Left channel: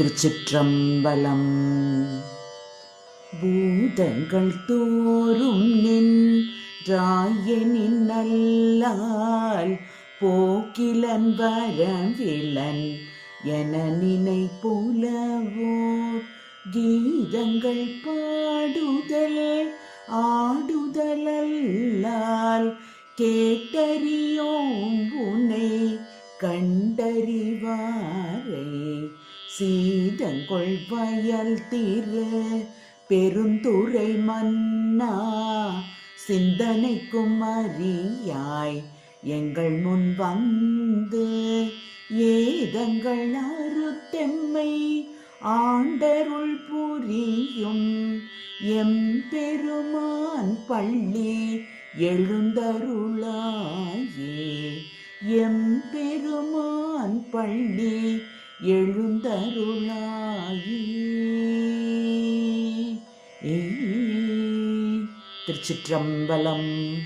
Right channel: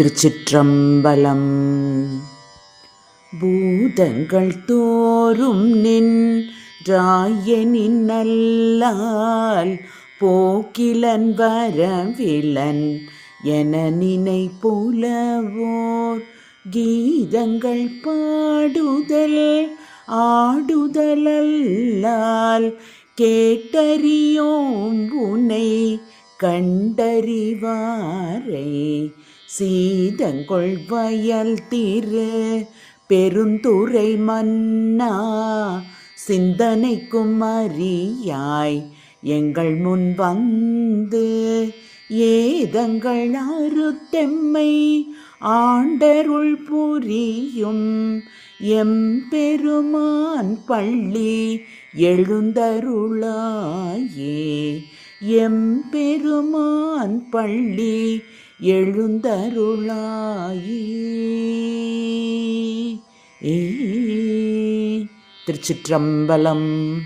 திருச்சிற்றம்பலம். பூதங்கள் தோறும் நின்றாயனின் நல்லால் போக்கிலன் வரவிலன் என நினை புலவோர் கீதங்கள் பாடுதல் ஆடுதலால் கேட்டறியோம் உனை கண்டறிவாரை சீதங்கொள் வயல் திரு பெருந்துறை மன்னா சிந்தனைக்கும் அறியாய் எங்கள் முன் வந்து ஏதங்கள் அறுத்தெம்மை ஆண்டருள் புரியும் எம்பெருமான் பள்ளி எழுந்தருளாயே. எம்பெருமான் பள்ளி எழுந்தருளாயே. திருச்சிற்றம்பலம்.